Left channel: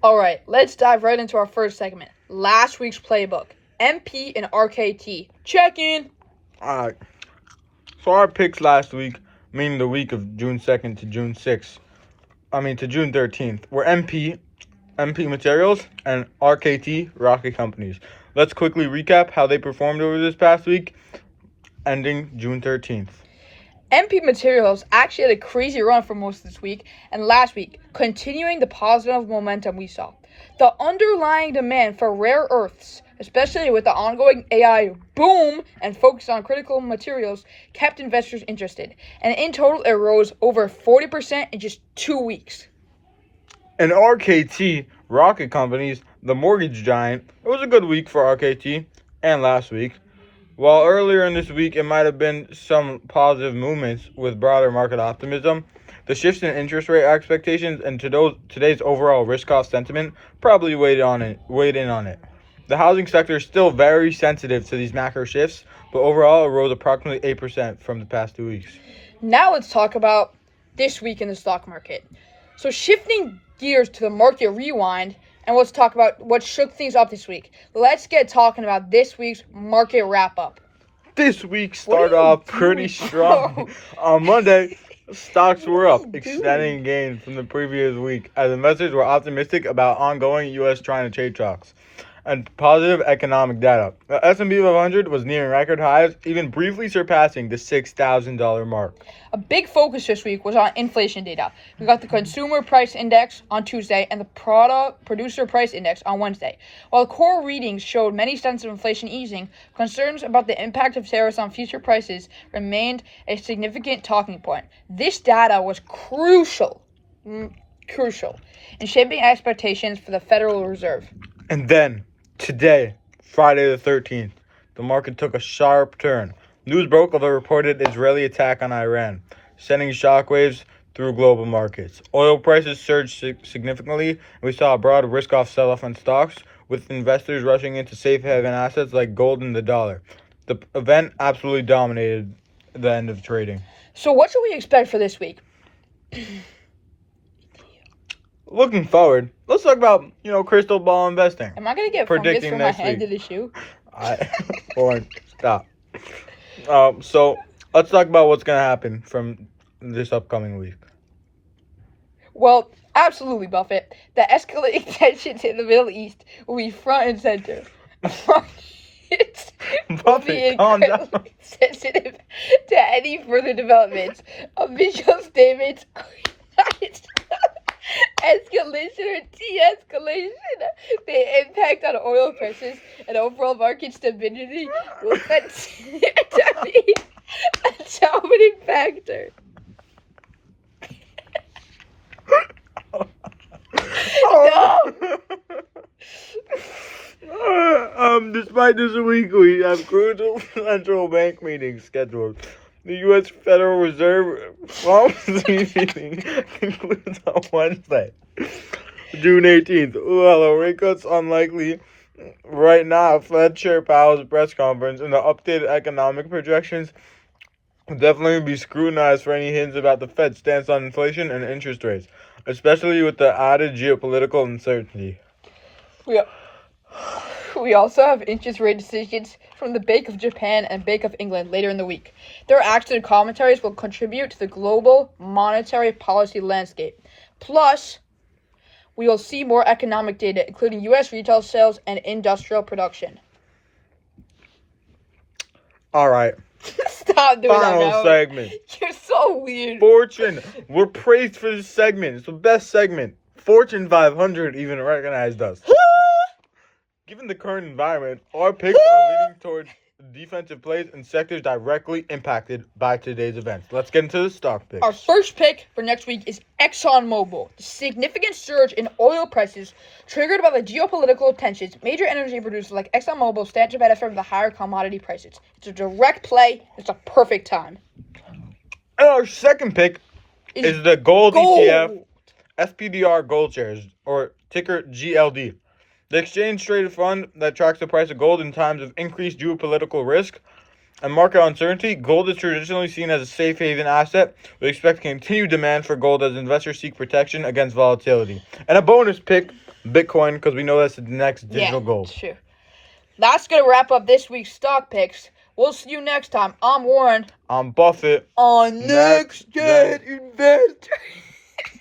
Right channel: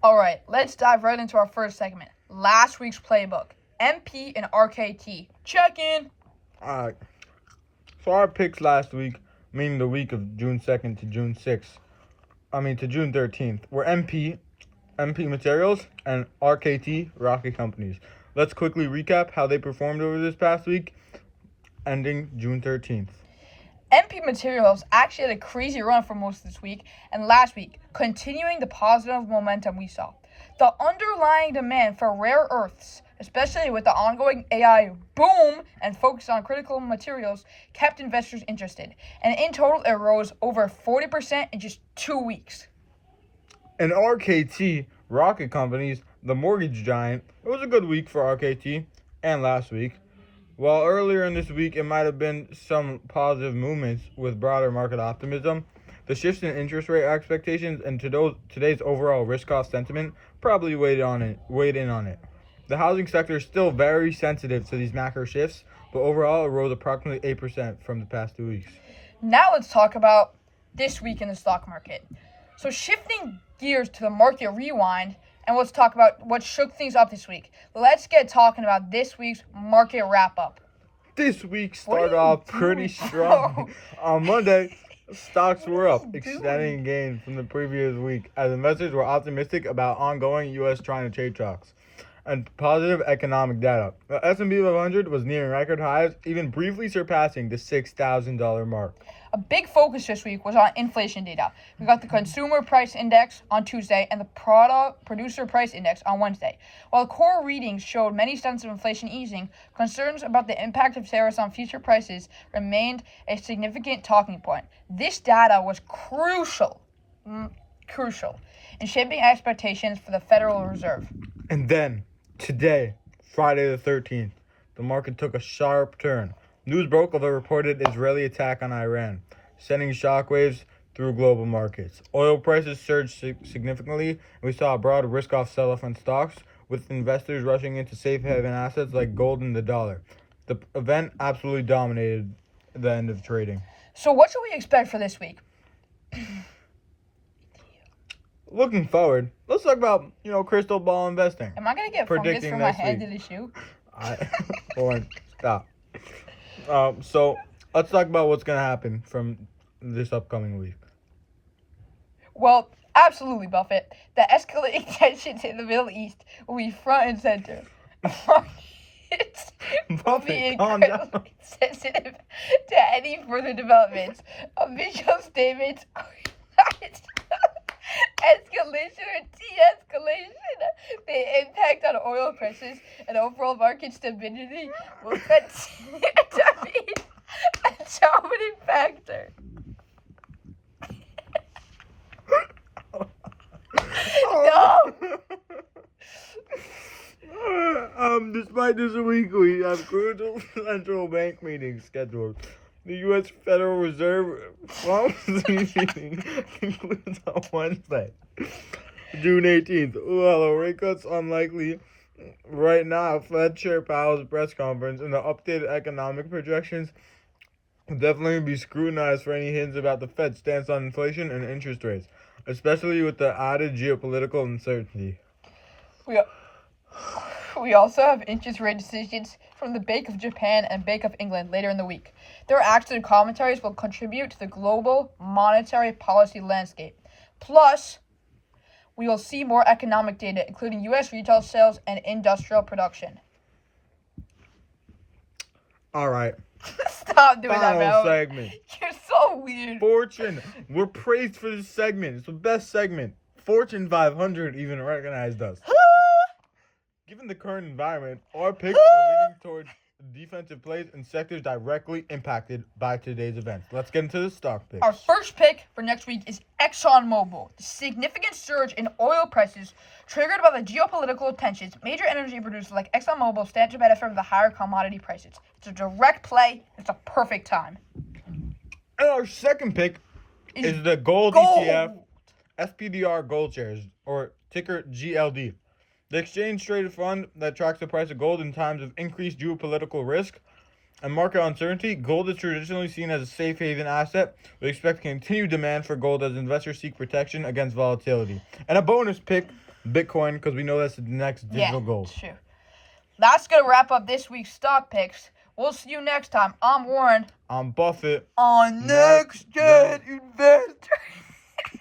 All right, let's dive right into our first segment. Last week's playbook. MP and RKT. Check in. Alright, so our picks last week, meaning the week of June 2nd to June 6th, to June 13th, were MP Materials, and RKT, Rocket Companies. Let's quickly recap how they performed over this past week, ending June 13th. MP Materials actually had a crazy run for most of this week and last week, continuing the positive momentum we saw. The underlying demand for rare earths, especially with the ongoing AI boom and focus on critical materials, kept investors interested. And in total, it rose over 40% in just 2 weeks. And RKT, Rocket Companies, the mortgage giant, it was a good week for RKT and last week. While earlier in this week it might have been some positive movements with broader market optimism, the shifts in interest rate expectations and today's overall risk-off sentiment probably weighed in on it. The housing sector is still very sensitive to these macro shifts, but overall it rose approximately 8% from the past 2 weeks. Now let's talk about this week in the stock market. So shifting gears to the market rewind, and let's talk about what shook things up this week. Let's get talking about this week's market wrap-up. This week started off pretty strong. On Monday, stocks were up, extending gains from the previous week as investors were optimistic about ongoing U.S.-China trade talks and positive economic data. The S&P 500 was nearing record highs, even briefly surpassing the $6,000 mark. A big focus this week was on inflation data. We got the consumer price index on Tuesday and the producer price index on Wednesday. While core readings showed many signs of inflation easing, concerns about the impact of tariffs on future prices remained a significant talking point. This data was crucial in shaping expectations for the Federal Reserve. And then, today, Friday the 13th, the market took a sharp turn. News broke of a reported Israeli attack on Iran, sending shockwaves through global markets. Oil prices surged significantly, and we saw a broad risk-off sell-off on stocks, with investors rushing into safe haven assets like gold and the dollar. The event absolutely dominated the end of trading. So what should we expect for this week? Looking forward, let's talk about, crystal ball investing. Am I going to get fungus from my hand to the shoe? Stop. So let's talk about what's going to happen from this upcoming week. Well, absolutely, Buffett. The escalating tensions in the Middle East will be front and center. Buffett, calm down. Sensitive to any further developments. Official statements. Escalation or de-escalation, the impact on oil prices and overall market stability will continue to be a dominant factor. Despite this week, we have crucial central bank meetings scheduled. The U.S. Federal Reserve policy meeting concludes on Wednesday, June 18th. Although rate cuts unlikely right now, Fed Chair Powell's press conference and the updated economic projections will definitely be scrutinized for any hints about the Fed's stance on inflation and interest rates, especially with the added geopolitical uncertainty. We also have interest rate decisions from the Bank of Japan and Bank of England later in the week. Their actions and commentaries will contribute to the global monetary policy landscape. Plus, we will see more economic data, including U.S. retail sales and industrial production. All right. Stop doing that, Final segment. You're so weird. Fortune. We're praised for this segment. It's the best segment. Fortune 500 even recognized us. Given the current environment, our picks are leaning towards defensive plays and sectors directly impacted by today's events. Let's get into the stock picks. Our first pick for next week is ExxonMobil. The significant surge in oil prices triggered by the geopolitical tensions. Major energy producers like ExxonMobil stand to benefit from the higher commodity prices. It's a direct play. It's a perfect time. And our second pick is the gold ETF, SPDR Gold Shares, or ticker GLD. The exchange-traded fund that tracks the price of gold in times of increased geopolitical risk and market uncertainty. Gold is traditionally seen as a safe haven asset. We expect continued demand for gold as investors seek protection against volatility. And a bonus pick, Bitcoin, because we know that's the next digital gold. Sure. That's going to wrap up this week's stock picks. We'll see you next time. I'm Warren. I'm Buffett. On Next Next Gen Investor.